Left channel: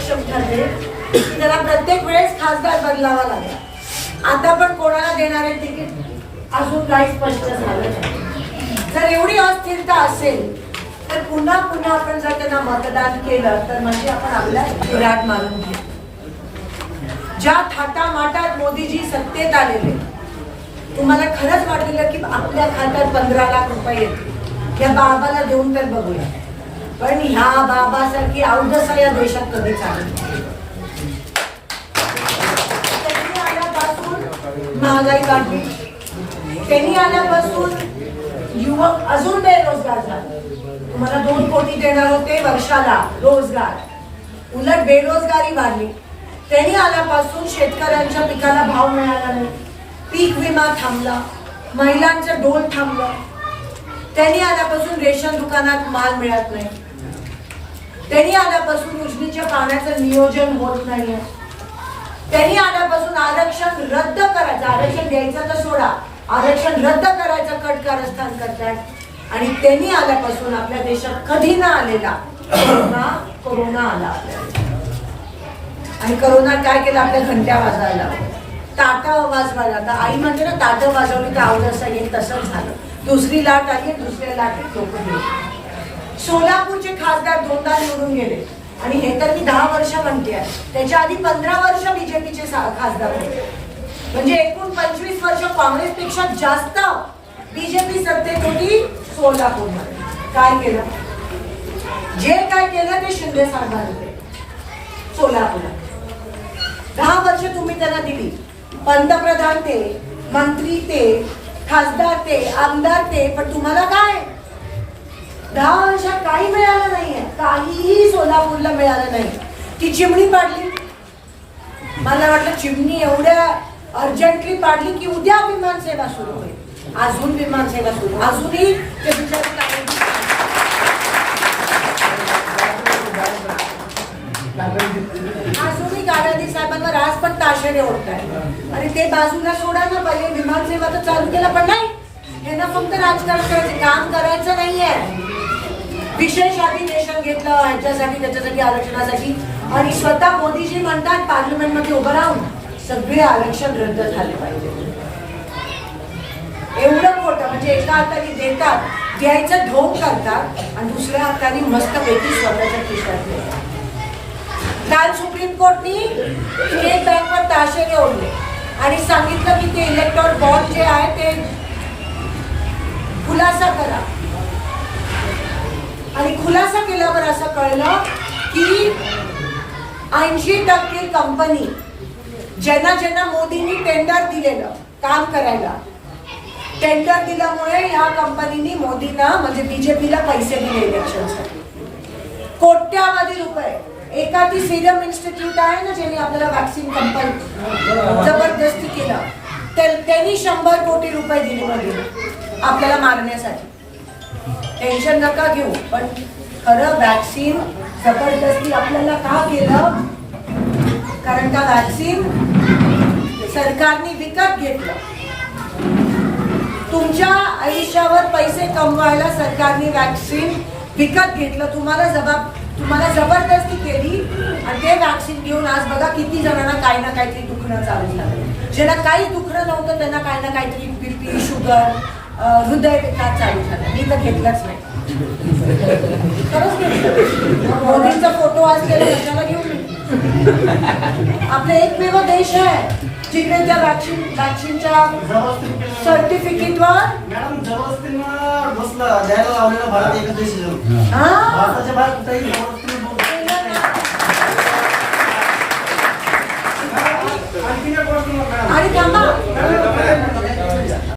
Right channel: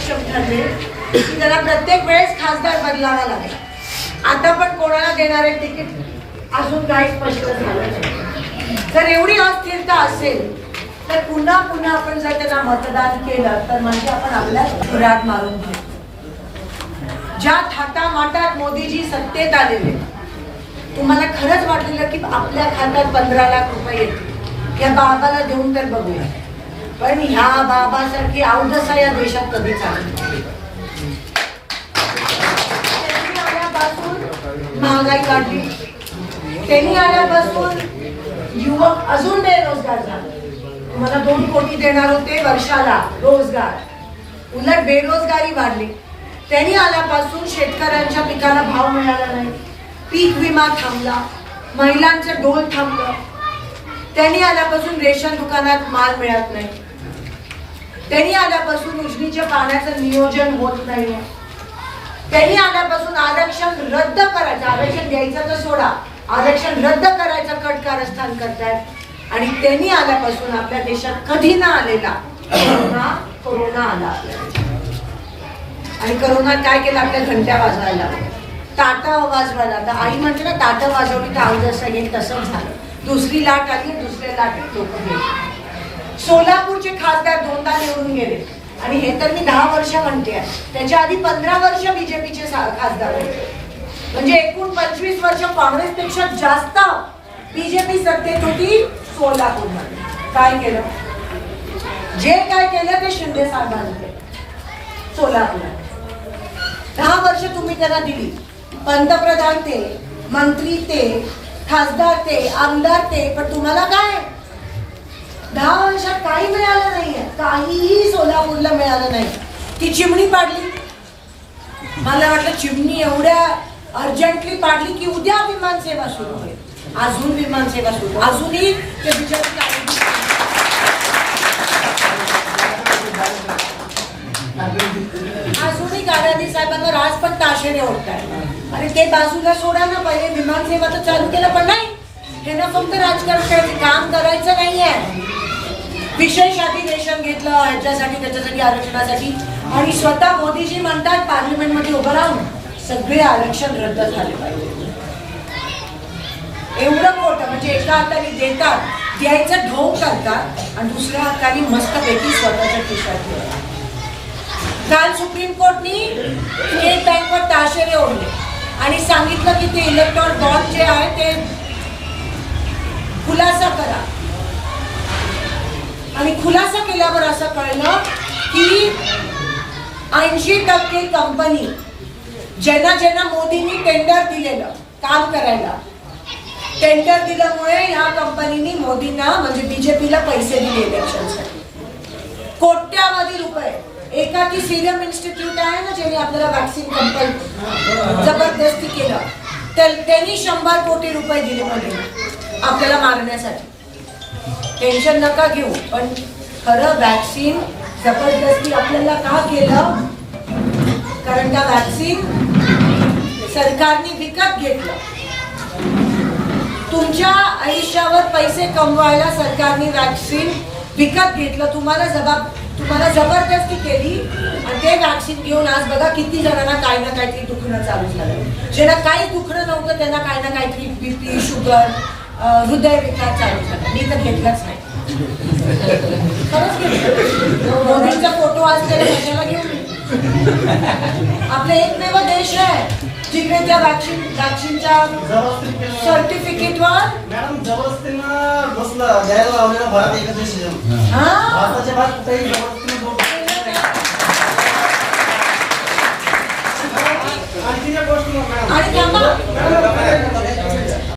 त्याला प्रत्येक वेळेस खासदार बदलावा लागला. आता पण कोणाला देणारे तिकीट अजून काही स्पष्ट झालं जर एवढी अस्थिरता असेल तर पुन्हा पुन्हा आपण जर त्यांना मतदान केलं तर म्हणजे आपण आपल्या सुरात मारून घेऊ. ज्या थाटामाटात मोदीजी सत्तेत आलेले तुम्हाला खरंच वाटलेलं की आपल्या खात्यात पंधरा लाख रुपये येतील? या बाबाला देऊन तर बघूया. पण ह्या बाबासारखी अवधसा या देशात कधी चालत त्यांनी आल्यापासून महागाई काढली त्यांनी आल्यापासून युवक अजून बेरोजगार झाले. तुम्हाला दोन कोटी देणार होते वर्षाला रोजगार. उलट बेरोजगारी वाढली. त्यांनी आल्यापासून शेतकऱ्यांच्या पिकाला भाव मिळाला नाही. पीक विमा थांबला. महिलांचं डोल थांबलं. त्यांनी आल्यापासून रेशन दुकानात माल मिळत नाही. त्यांनी आल्यापासून उजनीच्या पाण्याचं नियोजन होत नाहीये. त्यांनी आल्यापासून आरक्षण रद्द करायचं आरक्षण द्यायचं तर सोडा. आरक्षण रद्द करायचं कट कारस्थान करतायत. आणि त्यांनी आल्यापासून आपल्या देशात कधी ना आलेला कोरोना कोरोना आला आणि करोना काय केलं? आपल्या घंट्या वाजवायला लागल्या. आवाज व्हायला आता आई म्हणते ना ताटं वाजवली तर आवडत येईल तसंच झालं. दुसरी लाट आली दुसऱ्या लाटेत लोक गेले. सोलापूरचे खासदार दोनदा निवडून गेले. आणि हे तर मी दहा वर्ष म्हणते त्याच्या आधी पंधरा वर्ष बीजेपीचे खासदार होते. म्हणजे एकूण पंचवीस वर्ष काँग्रेसपेक्षा जास्त बीजेपी सत्तेत होती सोलापूरमध्ये काय केलं? जे काय केलं ते शिंदे साहेबांनी केलं. सोलापुरात दहा वर्ष तुम्ही त्यांना दिली. पंतप्रधान ते मंत्री ते खासदार ते आमदार ते पण तुम्हाला काय? दहा वर्षात काही मिळालं नाहीये. काहीही सोलापूरला मिळालं नाही. ती चिमणी पाडली. मला वाटलं चिमणी एवढ्या अर्जंटली पाडली की उद्या विमान सेवा सुरू होईल. अजून विमान सेवा सुरू. अजूनही ते बिचारी अजूनही गाडादी साहेबांना राज पण ताशेरे ओढताय आणि ते बाजूला सोडा ना पहिले विमान सेवा तर चालू केलं पण नाही. हे ना फक्त राजकारण करायचं काम करायचं नाहीये. विशेष अधिवेशन घेतलं ह्याच्यासाठी त्याच्यासाठी आरक्षणासाठी. आणि स्वतः मोदीजी म्हणतात पार्लिमेंटमध्ये उभं राहून सगळे आरक्षण रद्द झाले पाहिजे. एवढं मोठं म्हणजे एका हाताने देतात द्यायचं ढोंग करतात आणि दुसऱ्या हाताने मस्तपैकी स्वतःच्या खिशात काल सुप्रीम कोर्टनी स्टेट बँकवर ताशेरे ओढले. आणि सांगितलं की ते इलेक्ट्रॉन बॉन्ड जे आहे ते खुलासा करा. आणि खुलासा केल्यावर असं कळलं की ऐंशी टक्के कंपनी ज्यांना ज्यांना मोदींनी टेंडर दिलेलं काम करायला टेंडर दिल्यामुळे ह्या कंपनीनी मोदींना म्हणजे बीजेपीला पैसे दिले इलेक्शनसाठी कोट्यावधी रुपये. एका ती सिरम इन्स्टिट्यूट आहे ना ज्यांनी आपल्याला वॅक्सिन कंपनी जबरदस्ती केलं. तर त्यांनी शंभर कोटी रुपये दिले मोदींना आपल्याला मारण्यासाठी. टेन्शन नका घेऊ. पण खरं वॅक्सिन जबरदस्ती आपल्याला का केलं? कारण का वॅक्सिन सरकारने विकत घेतलं. तुमच्या आयुष्यावर पैसे कमवायला सरकारने वॅक्सिन विकत घेतलं. तुम्हाला जबाब तुम्हाला जबरदस्ती केली आणि ते वॅक्सिन घेऊन आज बघा किती जणांना काही ना काहीतरी दुखणं चालू झालं. ज्यांना काही दुखणं नव्हतं त्यांना काही ना काहीतरी बीपी शुगर हृदय विकार चालू झाला. मी तर घेतलंच नाही. खरंच घेतलं. मोदींचा फोटो आज त्याला कशाला घेऊन मी. आपला एकमेव देश आहे. जिकडे त्या वॅक्सिन वॅक्सिनच्या सर्टिफिकेटवर मॅडम जबरदस्तीनं बसलं. द्यायला लावलेलं भारत एकच हा. भारताच्या बाहेर कुठेही